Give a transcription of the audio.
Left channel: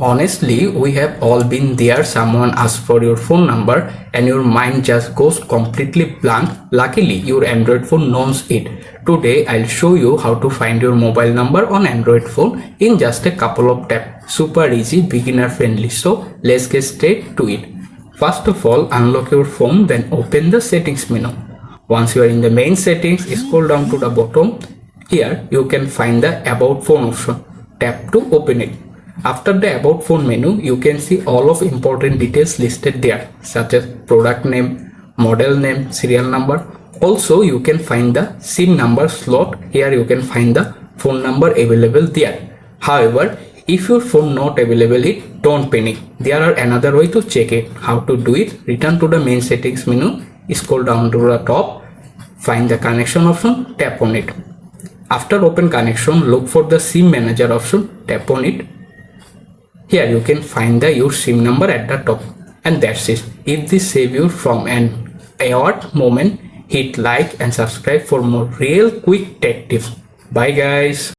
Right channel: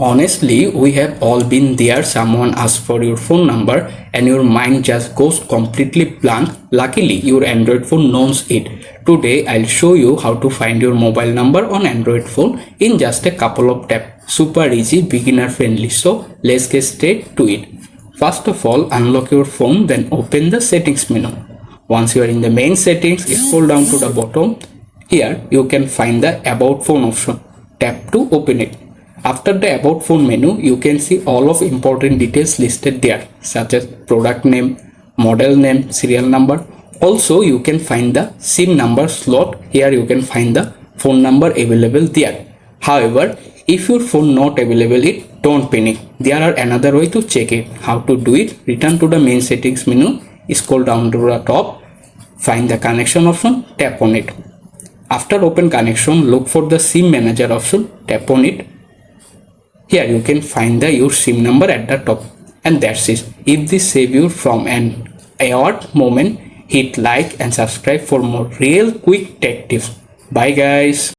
Honestly, we have all been there. Someone asks for your phone number and your mind just goes completely blank. Luckily, your Android phone knows it. Today, I'll show you how to find your mobile number on Android phone in just a couple of taps. Super easy, beginner friendly. So, let's get straight to it. First of all, unlock your phone, then open the settings menu. Once you are in the main settings, scroll down to the bottom. Here, you can find the About Phone option. Tap to open it. After the About Phone menu, you can see all of important details listed there, such as product name, model name, serial number. Also, you can find the SIM number slot. Here you can find the phone number available there. However, if your phone not available it, don't panic. There are another way to check it. How to do it? Return to the main settings menu, scroll down to the top, find the connection option, tap on it. After open connection, look for the SIM manager option, tap on it. Here you can find the your SIM number at the top, and that's it. If this save you from an odd moment, hit like and subscribe for more real quick tech tips. Bye guys.